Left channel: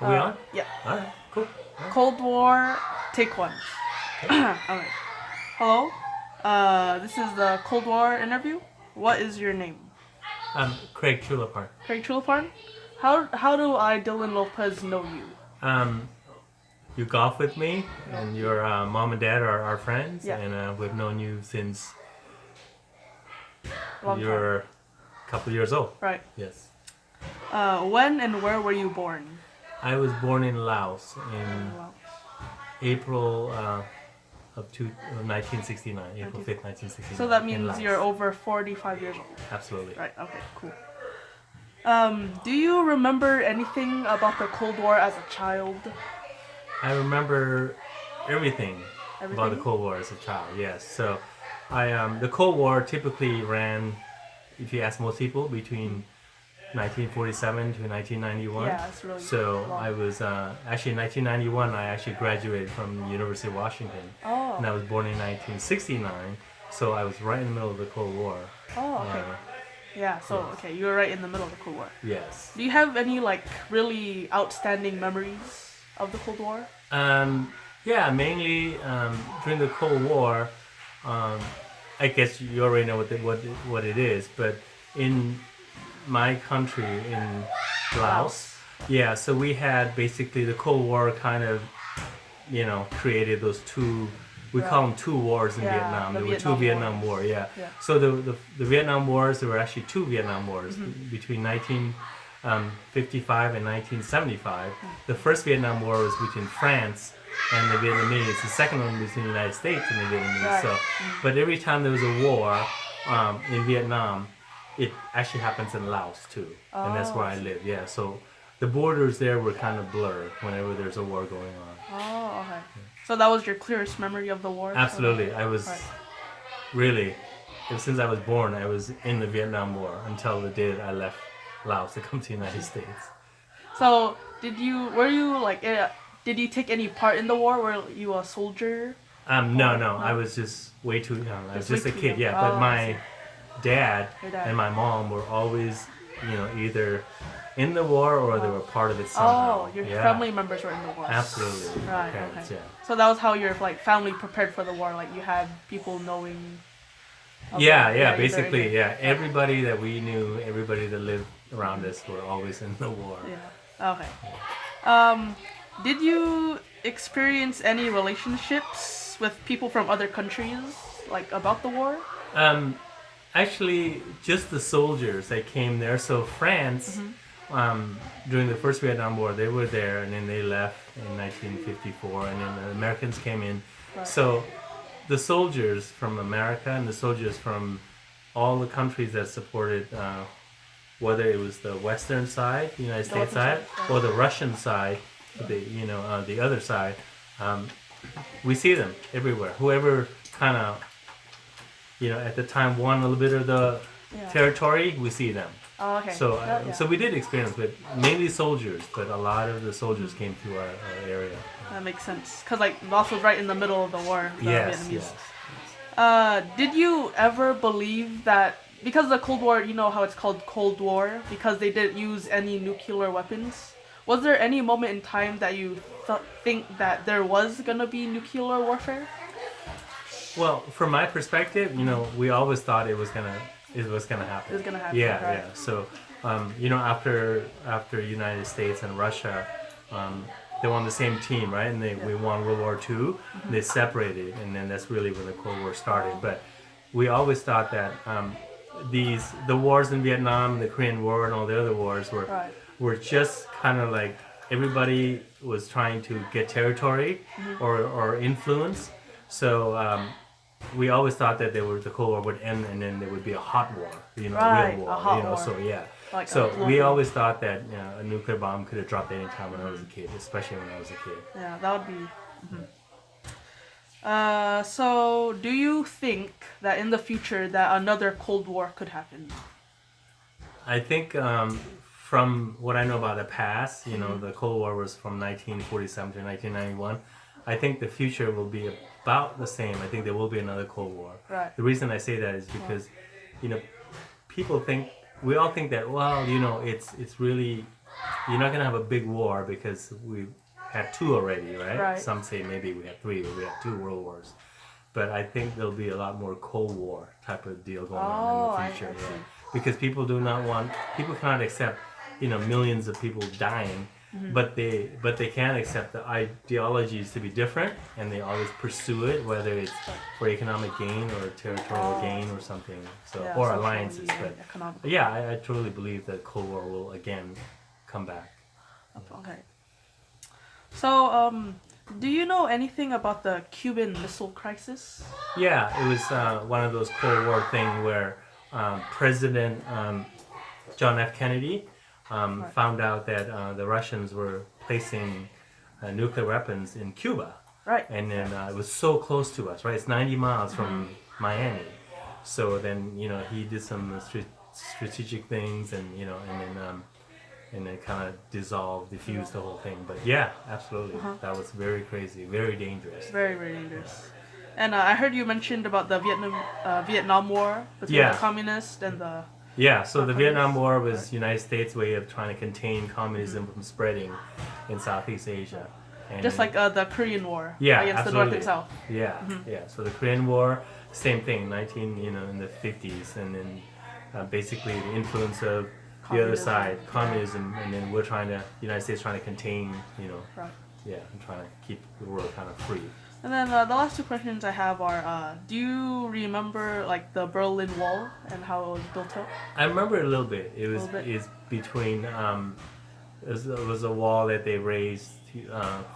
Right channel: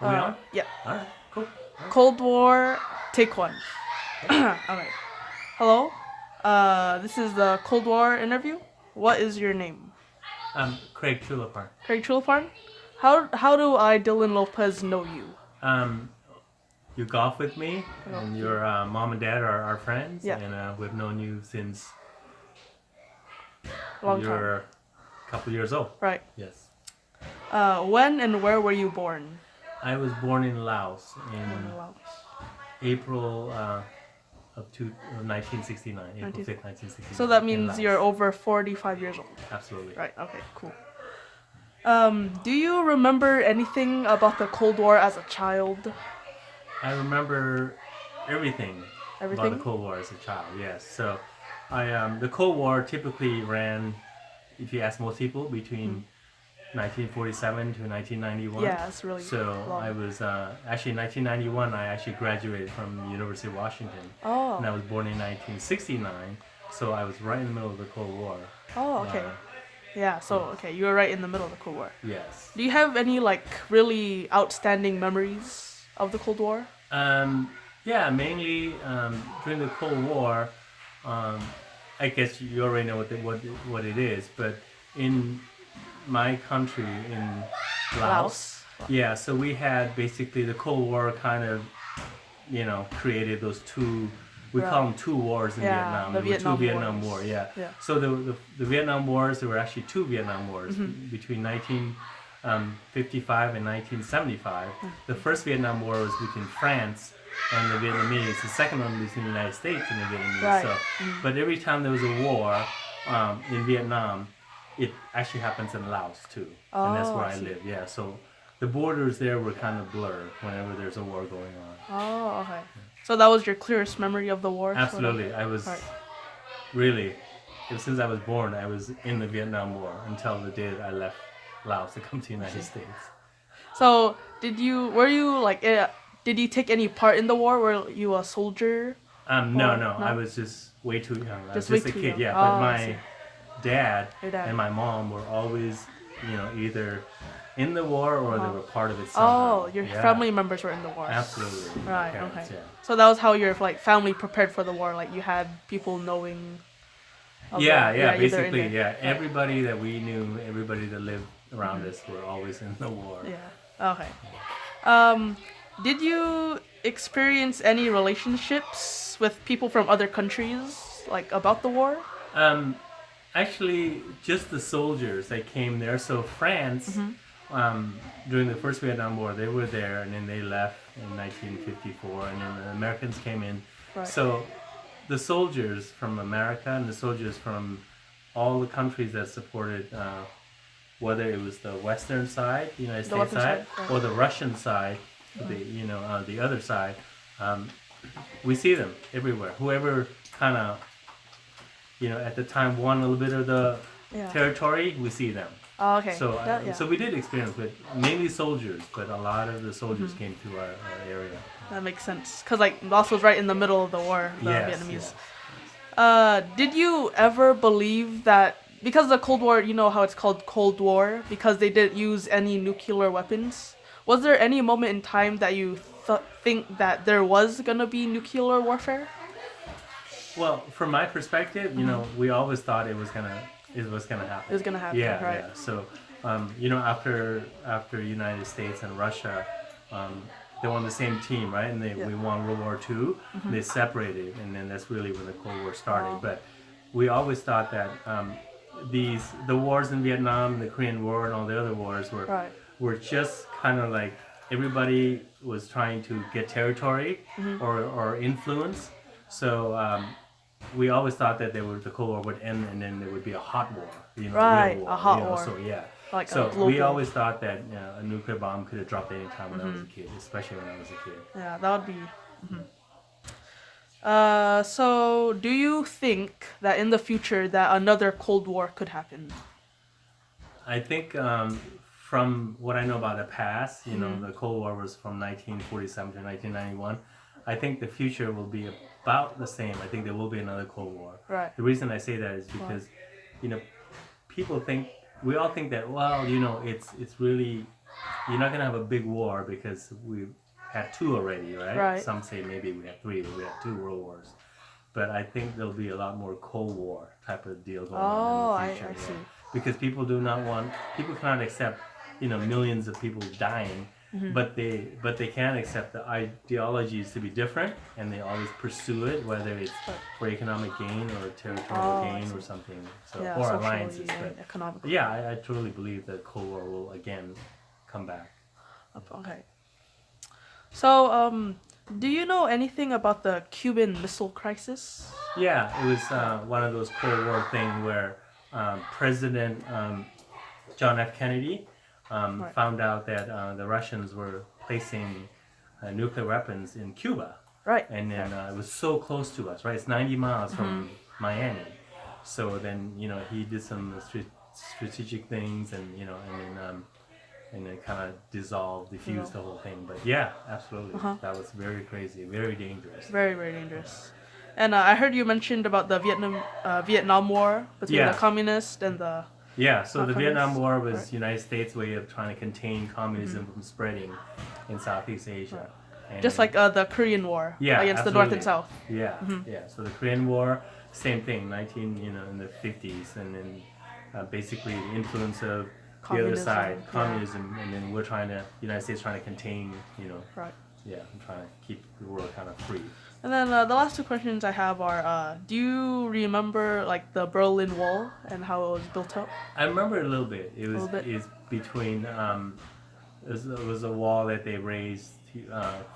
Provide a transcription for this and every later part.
Are we on? Yeah. All right, cool. Cold War, take one. Okay. Okay. Hello. This is the Cold War interview. What is your name? Craig Chulapar. Craig Chulafan? How do I, Dylan Lopez, know you? Um, you golf with me, and your mom and dad are our friends, Yeah. and we've known you since Long time. you're a couple years old. Right. Yes. When and where were you born? I was born in Laos in Wow. April of 1969, April 5th, 1969. So that in means Laos. you're over 45 years old. Absolutely. Right. Okay. Cool. Do you remember anything about the Cold War as a child? I remember everything about the Everything? Cold War as a child. Yes. So, the Cold War typically ran, if you ask most people, between 1947 to 1991. Yeah, it's really So long. I was actually in 1991. I actually graduated from the University of Washington, Oh. and I was born in 1969. So I was right in the middle of the Cold War. Oh, okay. Yeah, so, okay, you were right in the middle of the Cold War. Yes. Do you have any, really outstanding memories of the Cold War? Yeah, mainly during the Cold War. I guess you already know what it is, but in my country, in Laos, yeah, so we had basically the Cold War kind of, created those two. We call them two wars in Yeah, Vietnam. the There were two Vietnam Vietnam Wars. War, yeah. Yeah. So the Vietnam Wars, there were actually two Vietnam Wars between 1955 and 1975. The first Vietnam War was between France and the Vietnamese. The second one was between the United States and the Vietnamese. Right. So, but every time there was a war in Vietnam, it actually happens in Laos too, and that's where I I see. live. Yeah, so the borders there were kind of blurred whenever there's a war going on. Oh, okay. So that was your clearest memory of the war? Absolutely, I was Right. really, ever since I was born, I was in the Vietnam War until the day that I left Laos to come to the United States. So, did you take any part in the war? Were you a soldier? No, I was just way too young. I was Just way just a too kid, young. yeah. Oh, But I my see. dad Your dad. and my mom were always, either in the war or they were part of it somehow. Oh, your Yeah. family members were in the war. Absolutely. My Right, parents, okay. yeah. So that was how your family prepared for the war. Like you had people knowing. of Yeah, the- yeah, either basically, in it- yeah. Everybody that we knew, everybody that lived around us were always in the war. Yeah. Okay. Did you experience any relationships with people from other countries, like about the war? Actually, just the soldiers that came there. So France, during the first Vietnam War, they were there, and then they left in 1954, and then the Americans came in. Right. So the soldiers from America and the soldiers from all the countries that supported, whether it was the Western side, the United States Western side, side, or the Russian side, the other side, we see them everywhere. Whoever kind of, at the time won a little bit of the Yeah. territory, we see them. Oh, okay. So, Yeah. so we did experience, but mainly soldiers. But a lot of the soldiers came to our area. That makes sense. Because, Laos was right in the middle of the war. The Yes, Vietnamese. yes. Did you ever believe that, because the Cold War, you know how it's called Cold War, because they didn't use any nuclear weapons? Was there any moment in time that you think that there was going to be nuclear warfare? Well, from my perspective, we always thought it was gonna happen. It was gonna happen, Yeah, right. yeah. So, after United States and Russia, they won the same team, right? And we won World War II. They separated, and then that's really when the Cold War started. But we always thought that the wars in Vietnam, the Korean War, and all the other wars Right. were just kind of like everybody was trying to get territory or influence. So we always thought that the Cold War would end and then there would be a hot war, Right, real war, a hot war. So yeah. Like So a blue we war. always thought that a nuclear bomb could have dropped any time when I was a kid, especially when I was a kid. Yeah, that would be. So do you think that in the future that another Cold War could happen? I think from what I know about the past, the Cold War was from 1947 to 1991. I think the future will be about the same. I think there will be another Cold War. Right. The reason I say that is because, people we all think that, well, it's really you're not gonna have a big war because we had two already, right? Right. Some say maybe we had three, but we had two world wars. But I think there'll be a lot more Cold War type of deal going on in Oh, the I future. see. Because people cannot accept, millions of people dying, Mm-hmm. but they can accept the ideologies to be different, and they always pursue it, whether it's for economic gain or territorial gain or something. So Yeah, or socially alliances, and but economically. yeah, I truly believe that Cold War will again come back. Okay. So, do you know anything about the Cuban Missile Crisis? Yeah, it was one of those Cold War thing where President John F. Kennedy Right. found out that the Russians were placing nuclear weapons in Cuba, Right. and then it was so close to us, right? It's 90 miles from Miami. So then he did some strategic things, and then kind of diffused the whole thing. But yeah, absolutely, that was very crazy, very dangerous. Very, very dangerous. And I heard you mentioned about the Vietnam War between Yeah. the communists and the. Yeah, so the Communist. Vietnam War was United States' way of trying to contain communism from spreading in Southeast Asia. And Just like the Korean War Yeah, against the North and absolutely. South. Yeah. So the Korean War, same thing, in the 50s, and then basically the influence of the other Communism, side, yeah. communism, and then United States trying to contain, Right. and trying to keep the world kind of free. And then the last two questions I have are: do you remember like the Berlin Wall and how it was built up? I remember a little bit. It was Little bit. is between it was a wall that they raised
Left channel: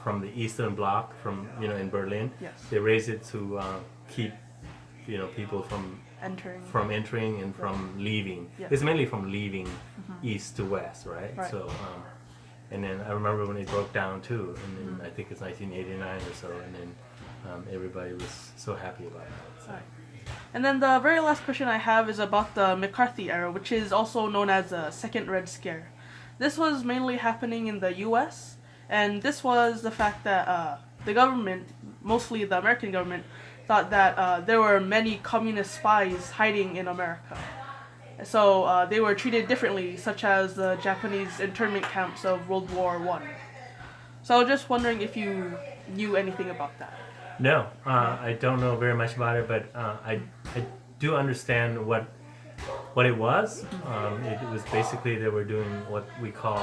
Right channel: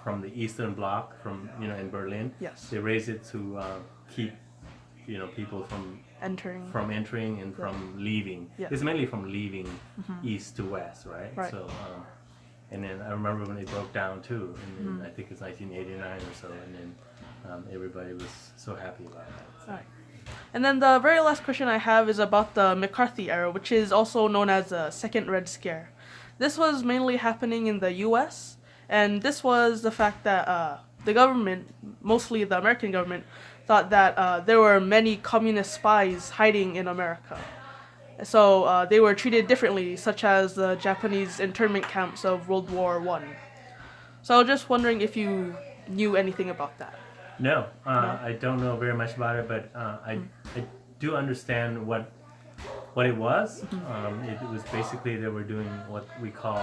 from the Eastern Bloc in Berlin. Yes. They raised it to keep people from Entering. and from leaving. Yeah. It's mainly from leaving east to west, right? Right. So and then I remember when it broke down too, and then I think it's 1989 or so, and then everybody was so happy about that. So. Right. And then the very last question I have is about the McCarthy era, which is also known as the Second Red Scare. This was mainly happening in the U.S., and this was the fact that the government, mostly the American government, thought that there were many communist spies hiding in America. So they were treated differently, such as the Japanese internment camps of World War I. So I was just wondering if you knew anything about that. No, I don't know very much about it, but I do understand what it was. It was basically they were doing what we call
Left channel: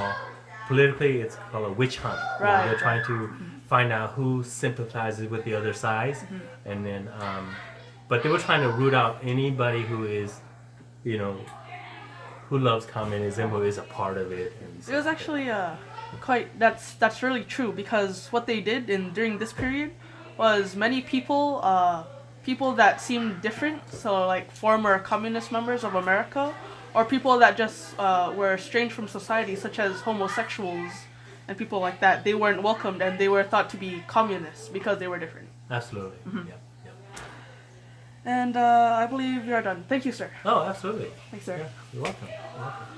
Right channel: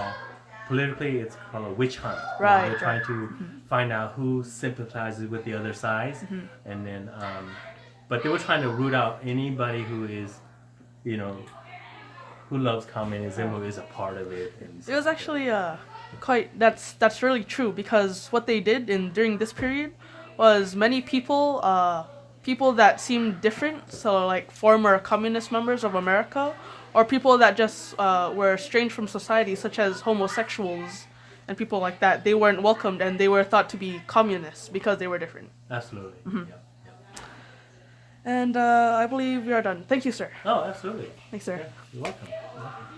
politically it's called a witch hunt. Right. They're trying to find out who sympathizes with the other side, and then but they were trying to root out anybody who is who loves communism, who is a part of it. And It was actually that's really true, because what they did during this period was many people that seemed different, so like former communist members of America, or people that just were estranged from society, such as homosexuals and people like that. They weren't welcomed, and they were thought to be communists because they were different. Absolutely. Yep. And I believe we are done. Thank you, sir. Oh, absolutely. Thanks, sir. Yeah, you're welcome. You're welcome.